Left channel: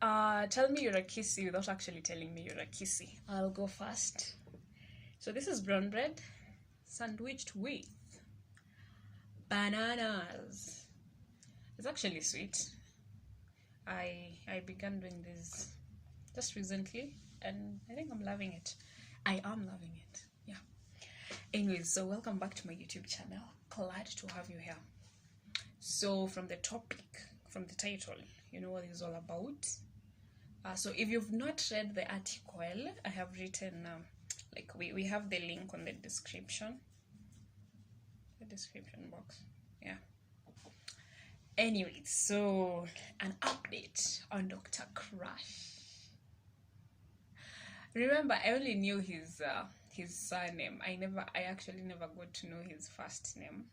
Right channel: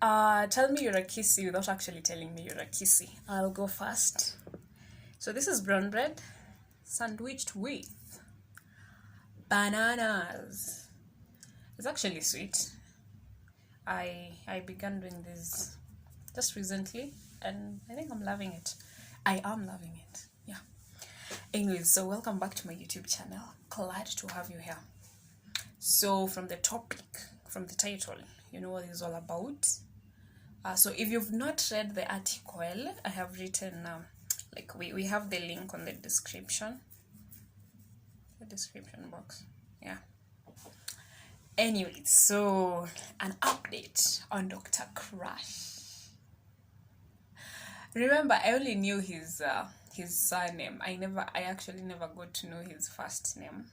Tell me you're a kissy without actually telling me you're a kissy. I'll go first. So this is brown bread sandwiched with bananas. It's actually sweet. I began doing this just recently and I think I'm loving it. I am loving it. Yeah. Anyways, so welcome back to my YouTube channel. Glad to have you here. So from the topic, from the title, you know what it's all about. So if you've not read the article, I have written, we have the link on the description box. Yeah. Anyway, so an update on Dr. Crush. Remember, I only knew his surname. I actually never got to know his first name.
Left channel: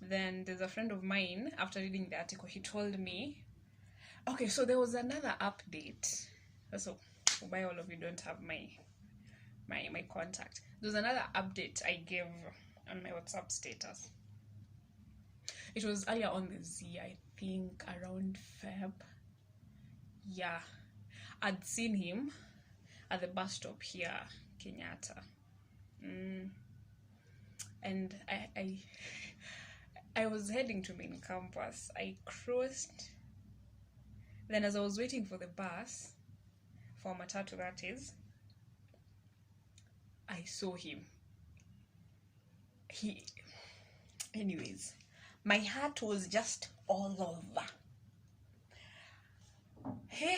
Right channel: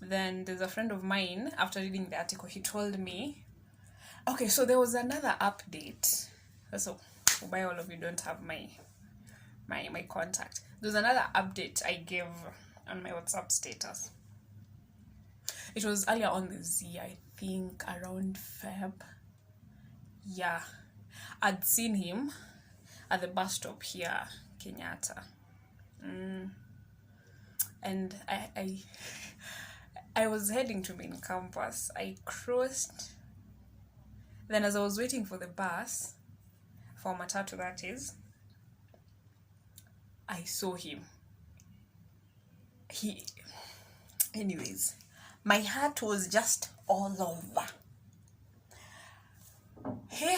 Then there's a friend of mine, after reading the article, he told me, okay, so there was another update. So why all of you don't have my contact. There's another update I gave on my WhatsApp status. It was earlier on this year, I think around Feb. Yeah. I'd seen him at the bus stop here, Kenyatta. And I was heading to main campus. I crossed. Then as I was waiting for the bus, for matatu that is, I saw him. Anyways, my heart was just all over. Hey,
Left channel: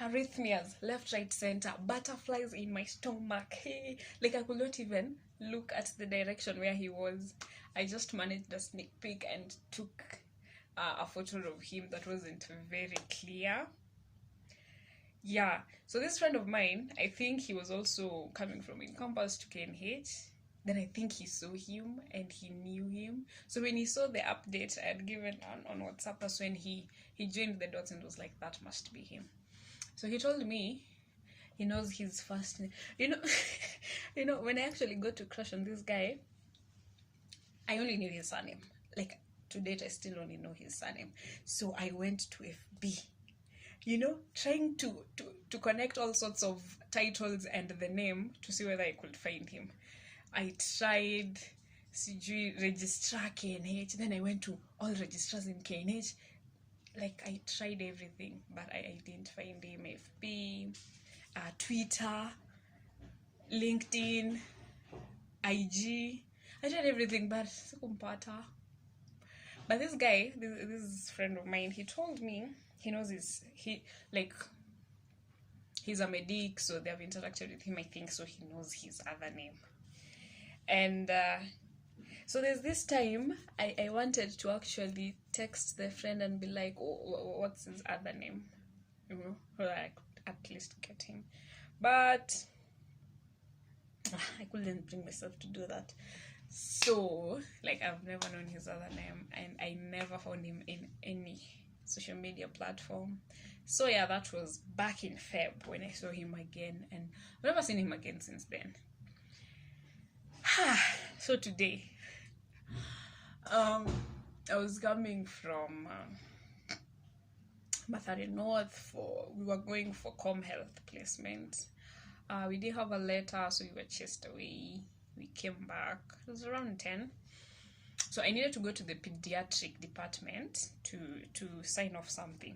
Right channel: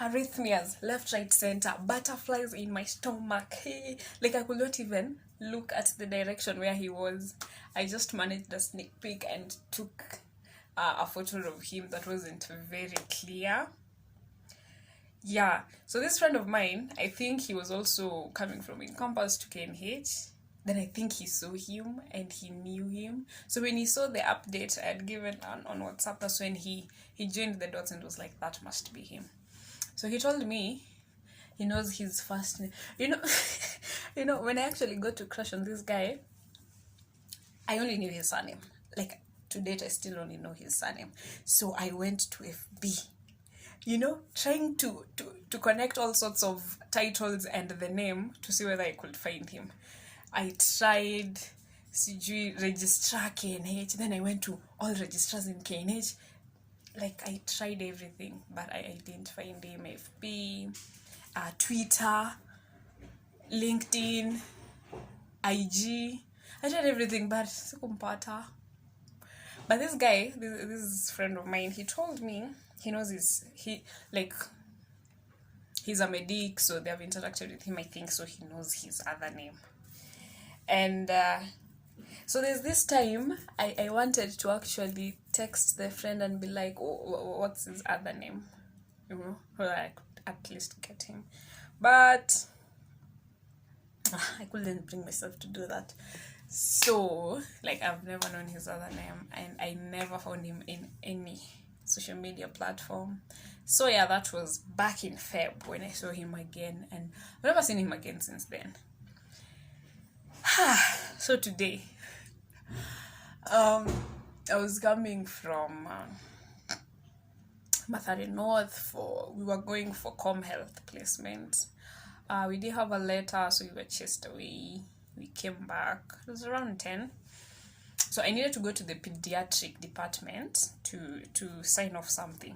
arrhythmias, left, right, center, butterflies in my stomach. Hey, like I could not even look at the direction where he was. I just managed a sneak peek and took a photo of him that wasn't very clear. Yeah, so this friend of mine, I think he was also coming from in campus to KNH. Then I think he saw him and he knew him. So when he saw the update I had given on WhatsApp, that's when he joined the dots and was like, that must be him. So he told me he knows his first name. You know, when I actually got to crush on this guy, I only knew his surname. Like, to date, I still only know his surname. So I went to FB, trying to connect all sorts of titles and the name to see whether I could find him. I tried registrar KNH, then I went to all registrars in KNH. Like, I tried everything, but I didn't find him. FB, Twitter, LinkedIn, IG. I tried everything, but sikumpata. But this guy, this friend of mine, he told me he knows he's a medic, so they have interacted with him, I think, so he knows his other name. And so there's this time I wanted to actually text the friend and be like, oh, what's his other name? So that I could at least get him. But I couldn't bring myself to do that. So, I've never known his other name, and I never found him in any social media platform. So yeah, that was back in Feb when I saw him again, and I've never seen him again since then. So today, I was coming from Mathare North we were going for Com Health placement. We did have a letter, so we were chased away. We came back. It was around 10. So I needed to go to the pediatric department to sign off something.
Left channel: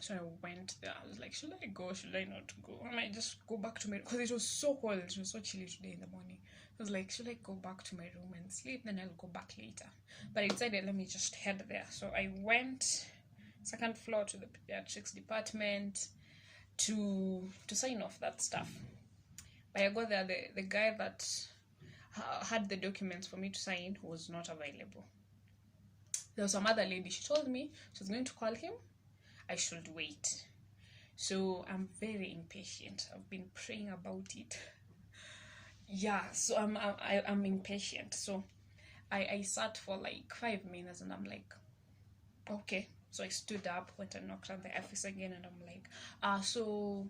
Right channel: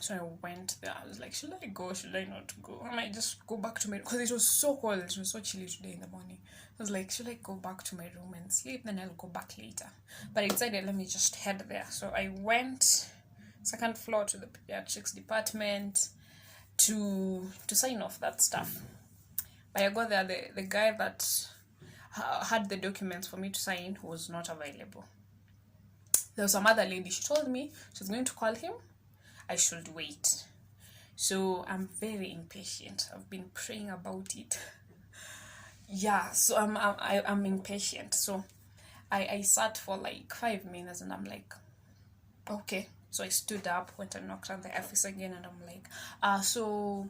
So I went there. I was like, should I go? Should I not go? I might just go back to my... Because it was so cold. It was so chilly today in the morning. I was like, should I go back to my room and sleep? Then I'll go back later. But I decided, let me just head there. So I went second floor to the pediatrics department to sign off that stuff. But I got there, the guy that had the documents for me to sign was not available. There was some other lady. She told me she was going to call him. I should wait. So I'm very impatient. I've been praying about it. Yeah, so I'm impatient. So I sat for 5 minutes and I'm like, okay. So I stood up, went and knocked on the office again, and I'm like, so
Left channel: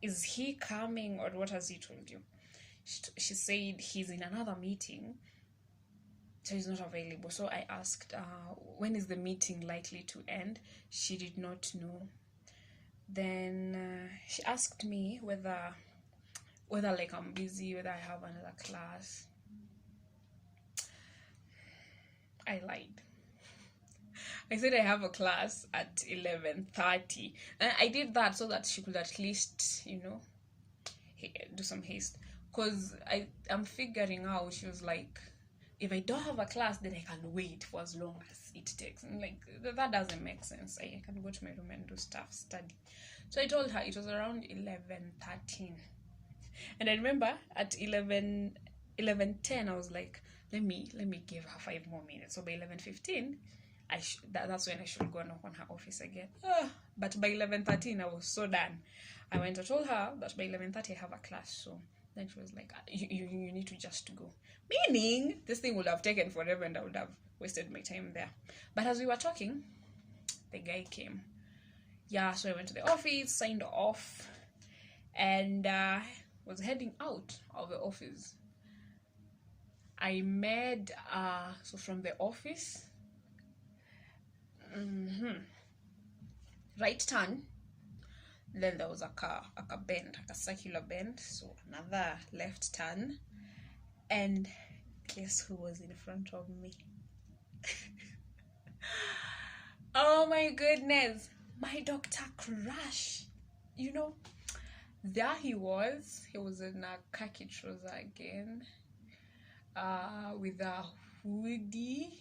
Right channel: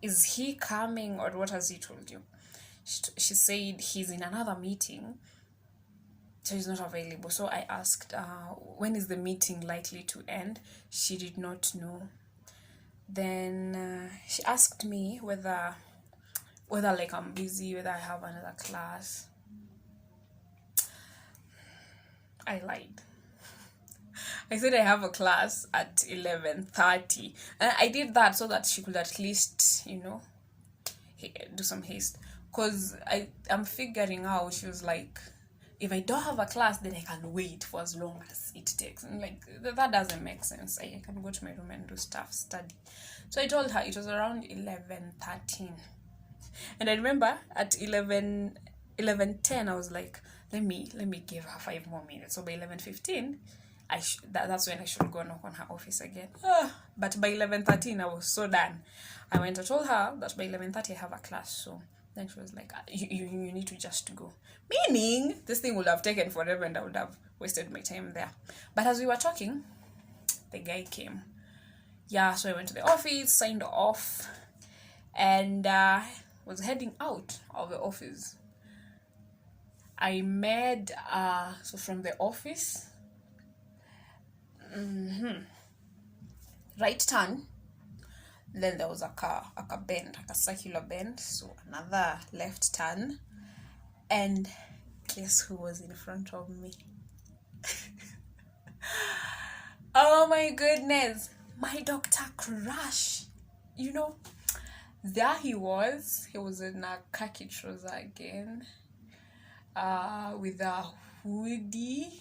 is he coming or what has he told you? She said he's in another meeting so he's not available. So I asked, when is the meeting likely to end? She did not know. Then she asked me whether like I'm busy, whether I have another class. I lied. I said I have a class at 11:30, and I did that so that she could at least, do some haste. Because I'm figuring out, she was like, if I don't have a class, then I can wait for as long as it takes. And like, that doesn't make sense. I can go to my room and do stuff, study. So I told her it was around 11:13. And I remember at 11:10, I was like, let me give her 5 more minutes. So by 11:15, that's when I should go knock on her office again. But by 11:13, I was so done. I went and told her that by 11:30 I have a class. So then she was like, you need to just go. Meaning, this thing would have taken forever and I would have wasted my time there. But as we were talking, the guy came. Yeah, so I went to the office, signed off, and was heading out of the office. I made, so from the office, right turn, then there was a bend, a circular bend, so another left turn, and guess who was in front of me? Oh my goodness, my Dr. Crush. There he was in a khaki trouser again, with a hoodie.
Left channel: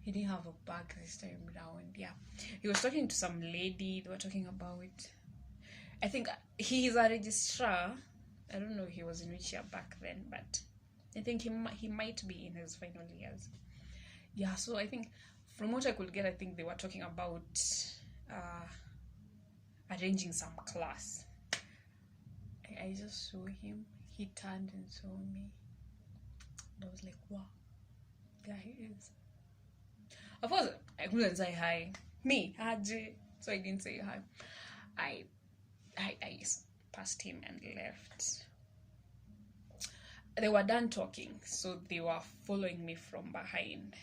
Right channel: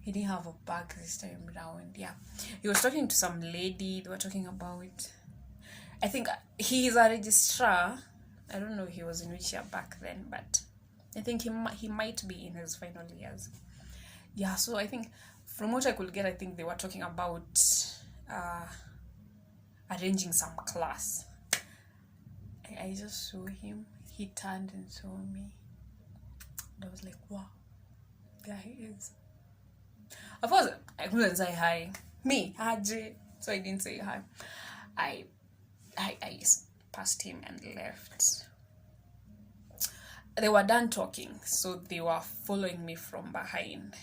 He didn't have a bag this time around. Yeah, he was talking to some lady. They were talking about, I think he is a registrar. I don't know if he was in which year back then, but I think he might be in his final years. Yeah, so I think from what I could get, I think they were talking about arranging some class. I just saw him. He turned and saw me. And I was like, wow, there he is. Of course, I couldn't say hi. Me, Haji. So I didn't say hi. I just passed him and left. They were done talking, so they were following me from behind.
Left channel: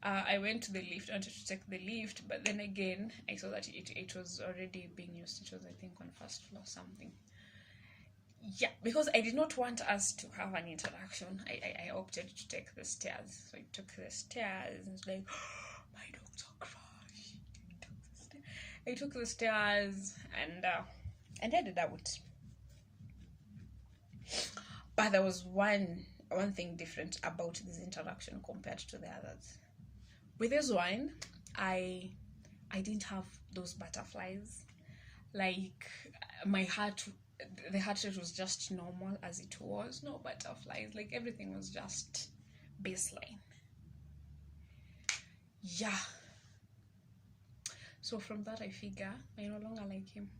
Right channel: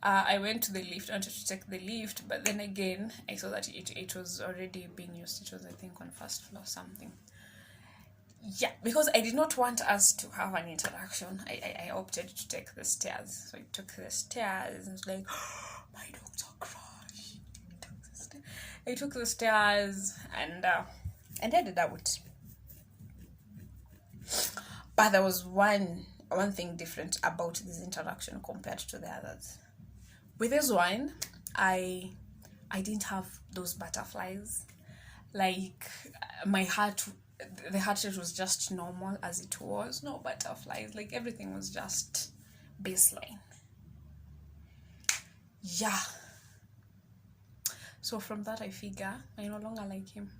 I went to the lift, I wanted to take the lift, but then again, I saw that it was already being used. It was, I think, on first floor or something. Yeah, because I did not want us to have an interaction, I opted to take the stairs. So I took the stairs and was like, oh, my Dr. Crush. I took the stairs and headed out. But there was one thing different about this interaction compared to the others. With this one, I didn't have those butterflies. Like, the heart rate was just normal as it was. No butterflies. Like, everything was just baseline. Yeah. So from that, I figure I no longer like him.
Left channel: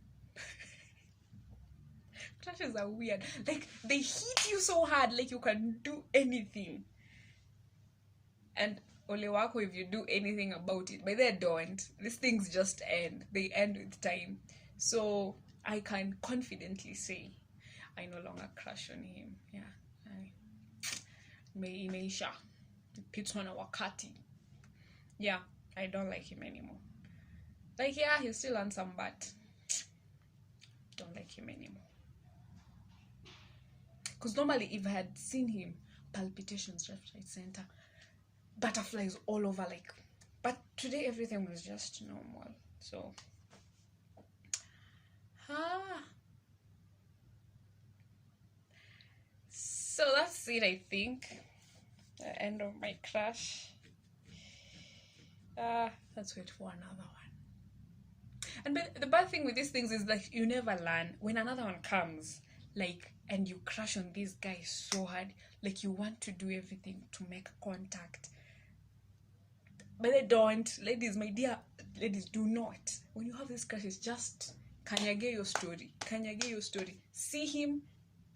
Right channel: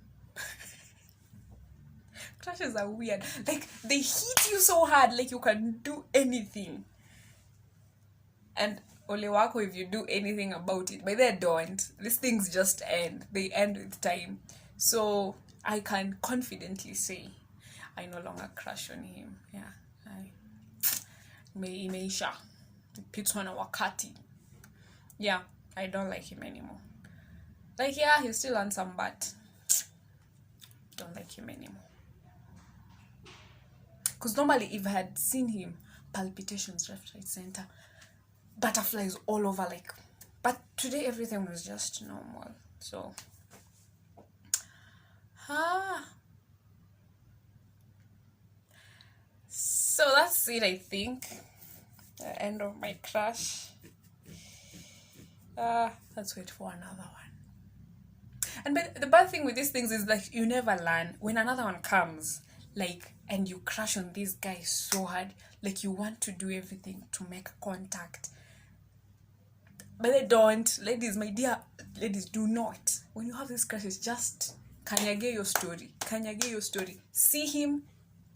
Crushes are weird. Like, they hit you so hard, like you can do anything. And ole wako if you do anything about it. But they don't. These things just end. They end with time. So I can confidently say I no longer crush on him. Yeah. Imeisha. Pitwana wakati. Yeah, I don't like him anymore. Like, yeah, he's still handsome, but don't like him anymore. Because normally, if I had seen him, palpitations left, right, center, butterflies all over, like, but today everything was just normal. So that's it, I think. The end of my crush. Let's wait for another one. And but the bad thing with these things is like you never learn. When another one comes, like, and you crush on this guy so hard, like you want to do everything to make contact, but they don't. Ladies, my dear ladies, do not. When you have this crushes, just kanyage your story. See him,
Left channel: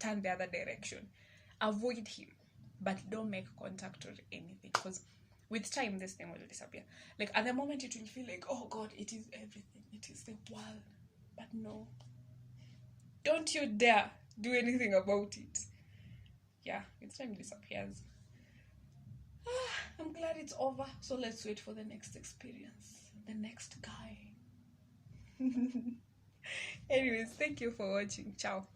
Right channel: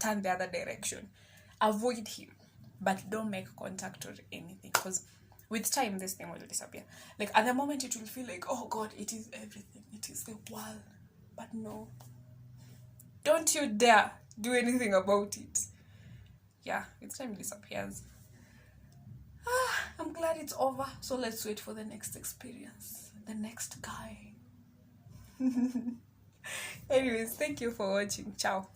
turn the other direction. Avoid him, but don't make contact or anything, because with time this thing will disappear. Like, at the moment it will feel like, oh God, it is everything, it is the world. But no, don't you dare do anything about it. Yeah, with time it disappears. I'm glad it's over. So let's wait for the next experience. The next guy. Anyways, thank you for watching. Ciao.